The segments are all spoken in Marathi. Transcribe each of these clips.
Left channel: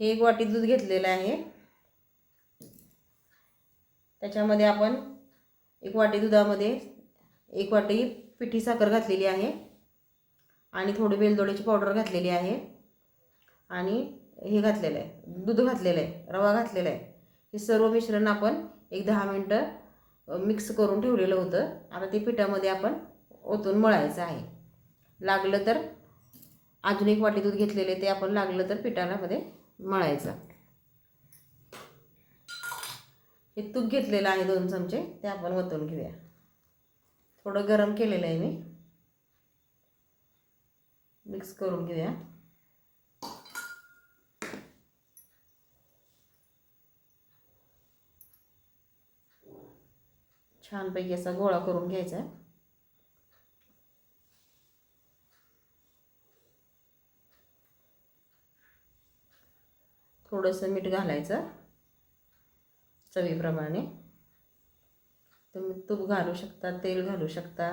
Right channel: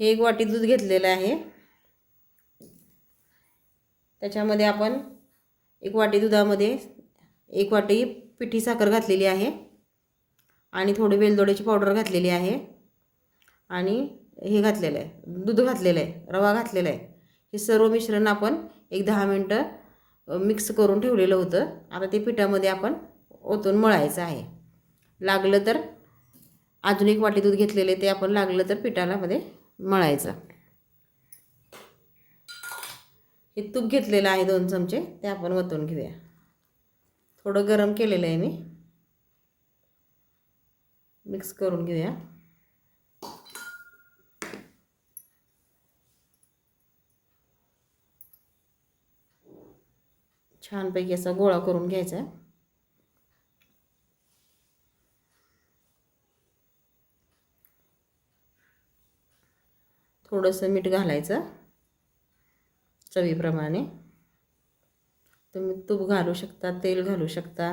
हे 1 वाटी दूध घेतलेलं आहे. त्याच्यामध्ये आपण 1 वाटी दुधामध्ये 1 वाटी पिठी साखर घातलेली आहे आणि थोडी वेलदोड्याची पावडर घातलेली आहे आणि हे घातलेलं आहे, दूध घातलेलं आहे, रवा घातलेला आहे. हे सर्व मिश्रण आपण एक 10 मिनटं मिक्स करून ठेवलेलं होतं. आता ते पिठामध्ये आपण ओतून मळायचं आहे. लागलं तर अजून 1 वाटी दूध घेतलेले ते आपण लागलं तर पिठामध्ये मळायचं. हे तूप घेतलेलं आहे 2 चमचे, ते आपण ओतून घेऊया. थोडं गरम केलेलं आहे मी. मिक्स करून घेऊया. छानपैकी असा गोळा करून घ्यायचा. थोडंसं मीठ घालायचं चवीप्रमाणे. तुम्ही तूप घालू शकता, तेल घालू शकता.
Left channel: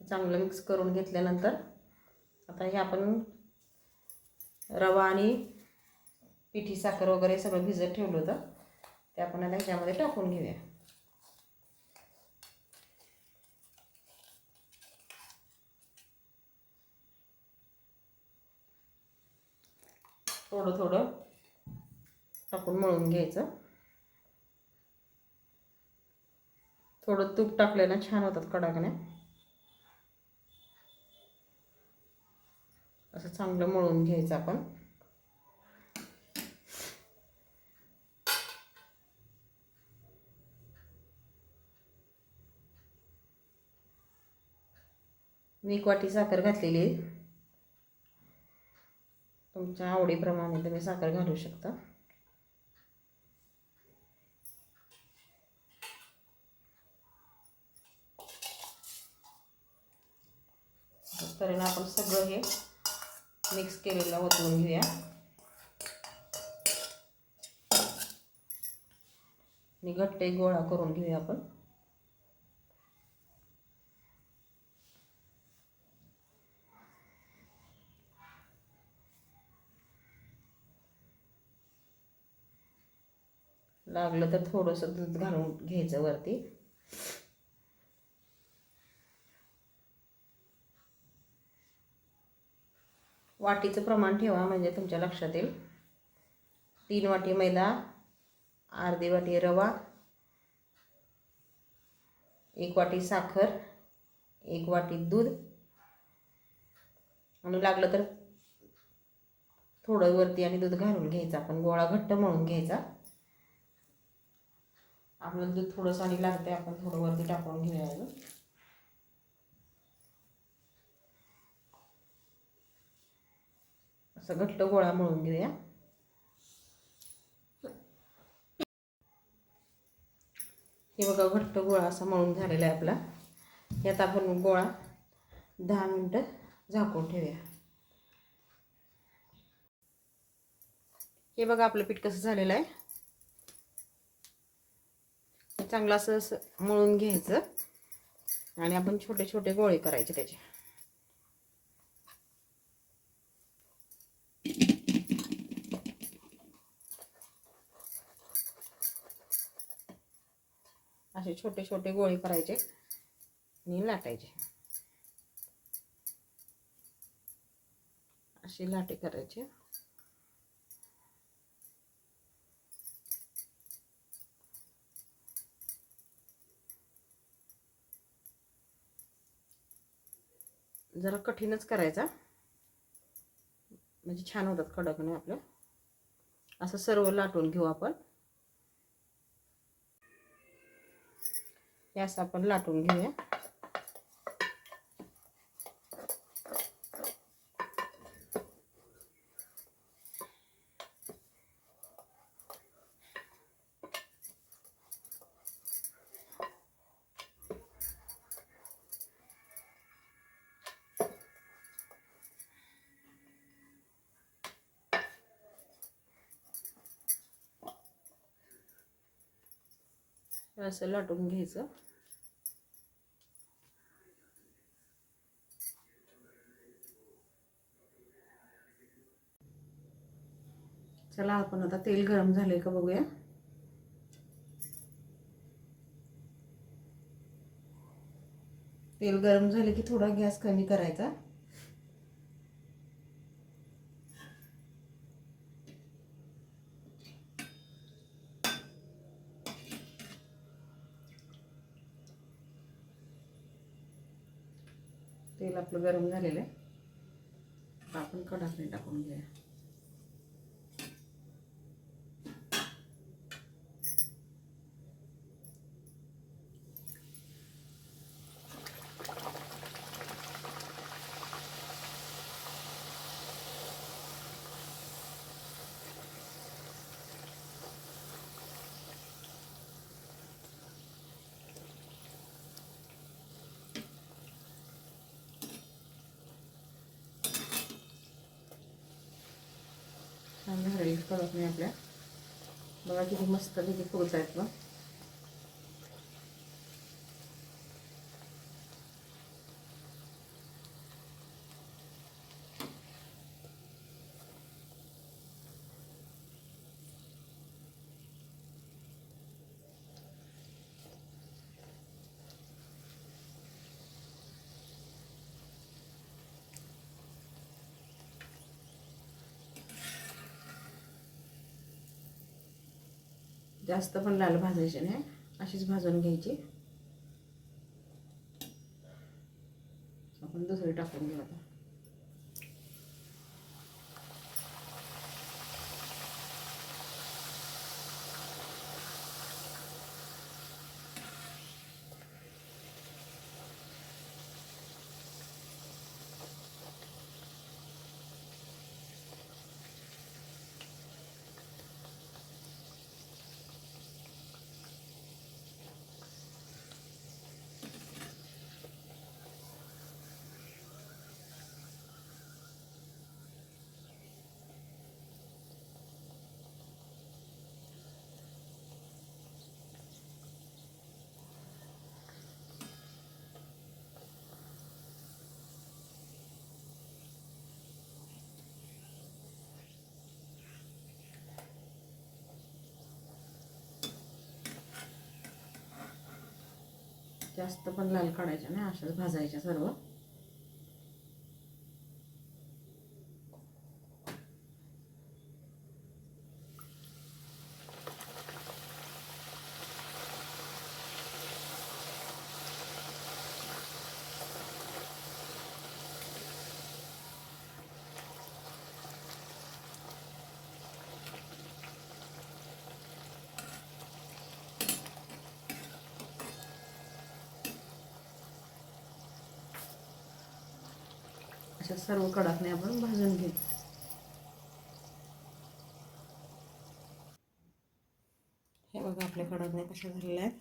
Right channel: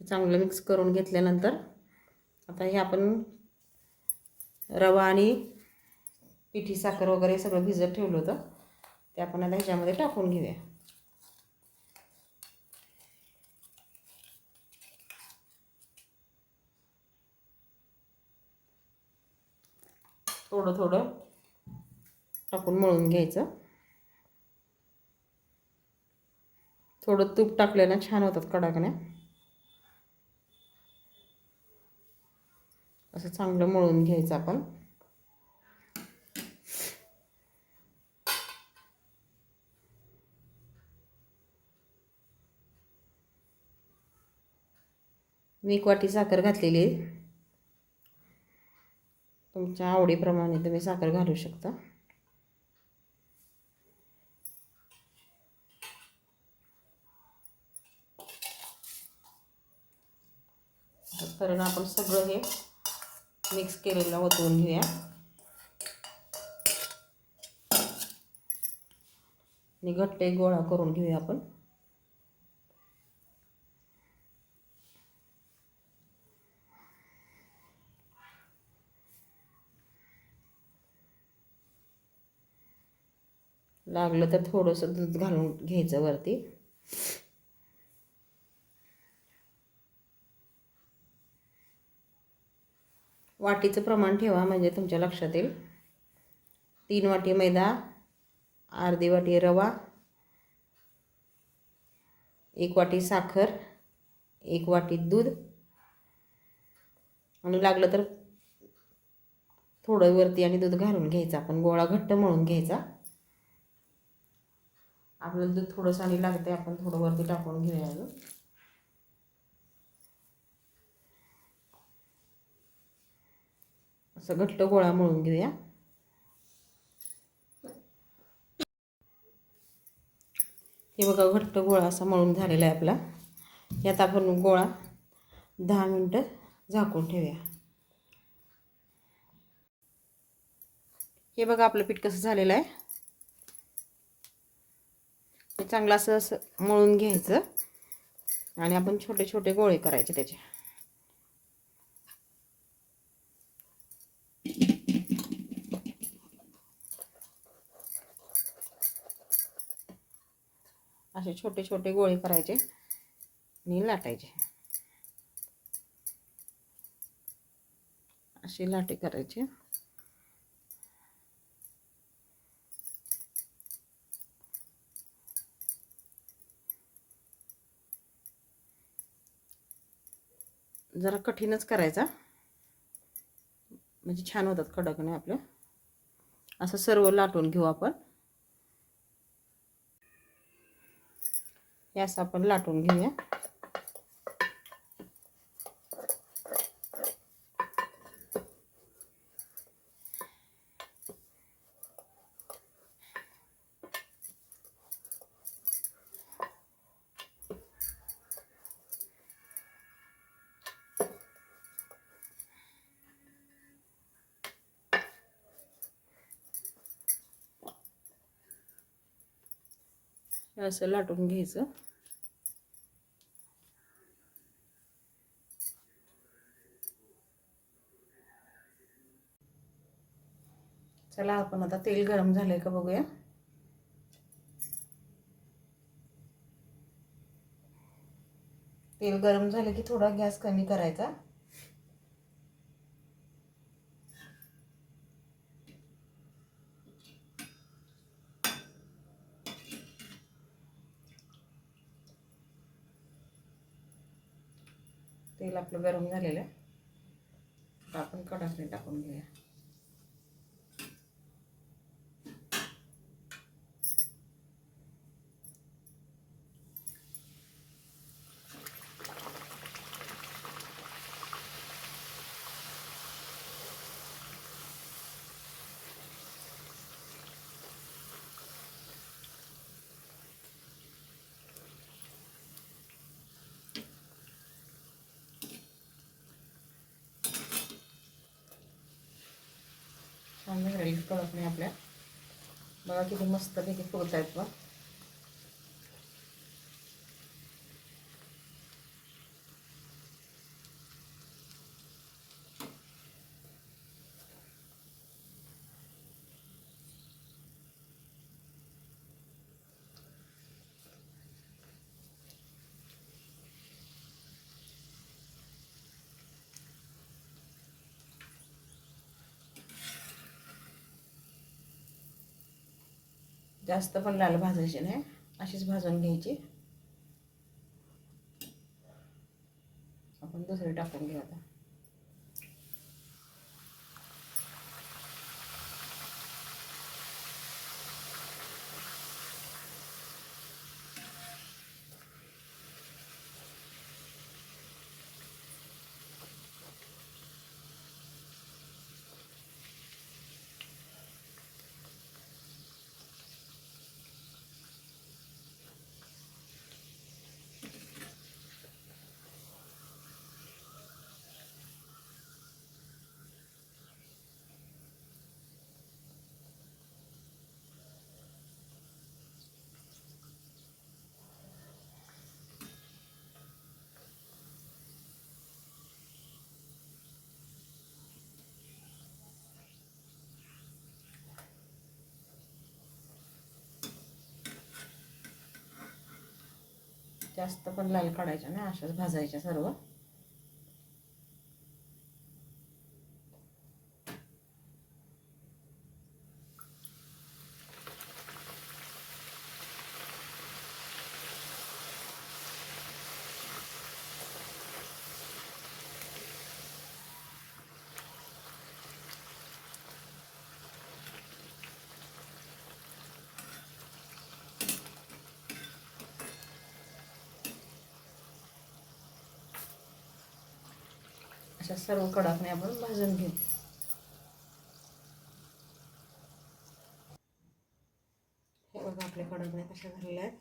चांगलं मिक्स करून घेतल्यानंतर आता हे आपण रवा आणि पिठी साखर वगैरे सगळं भिजत ठेवलं होतं ते आपण आता ह्याच्यामध्ये टाकून घेऊया. थोडं थोडं टाकून मळून घ्यायचं. थोडं तूप टाकल्यानं छान होतात कडाकण्या. असं चांगलं मळून घ्यायचं आपण. मी 1 वाटी साखर घातलेली आहे. तुमच्या आवडीप्रमाणे तुम्ही साखर घालू शकता. कारण आपण सगळं हे मिक्स केलेलं ओतून घेऊया आणि घट्ट एक गोळा करून घेऊया आपण. लागलं तर थोडंसं दूध घालून घ्यायचं वरती. वाटीचं प्रमाण ठेवा म्हणजे तुमच्या लक्षात येईल. 3 वाटी मैदा, अर्धी वाटी रवा, 1 वाटी साखर, 1 वाटी दूध आणि लागलं तर थोडं वरती आणि दूध घालून घ्यायचं. आपण गोळा घट्ट मळून घ्यायचा. आपलं दूध थोडंसं आणि लागते, आपण थोडं वरती टाकून घेऊया. अजून असं घट्ट गोळा मळून घेऊया. हे बघा घट्ट गोळा असा मळून झालेला आहे आपला. यात आपण गोळा 10 मिनटं झाकून ठेवूया. हे बघा आपलं पीठ कसं झालेलं आहे. चांगलं असं मळून घ्यायचं आणि आपण छोटे छोटे गोळे करायचे त्याचे. असे छोटे छोटे गोळे करायचे आणि लाटायचे. असे लाटे करायचे. जरा कठीणच करायचा म्हणजे छान होतात कडकने आपले. असं सर्व लाटून घेऊ आपण. हे असं आपण लाटून घेऊया. असं लाटून घ्यायचं. चला आपण आता तेल गरम झालंय का बघूया. तेल गरम झाले की थोडा गॅस कमी करायचा. तेल आपलं गरम झालेलं आहे. आपण कढई टाकून घेऊया. चांगलं राहील परत नाही आपल्या. मला किती मस्त पैकी फुलतायत ना. जास्त पण लाल भाजायची नाही, अशीच भाजून घ्यायची. आपण दुसरी टाकून घेऊ आता. जास्त पण लाल काढायच्या नाही, अशाच भाजायच्या सर्व. अशा सर्व कडाकण्या आपण भाजून घेऊ. हे बघा आपल्या कडाकण्या कशा झालेल्या आहेत.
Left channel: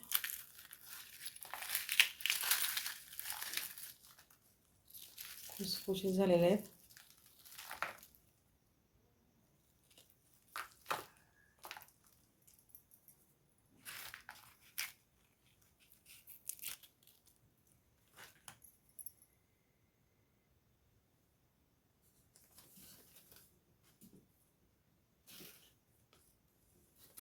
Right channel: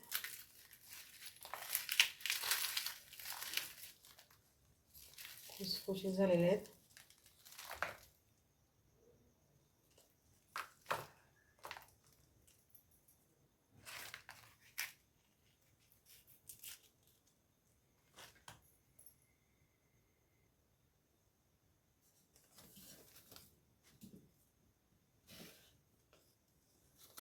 खुसखुशीत झालेल्या आहेत.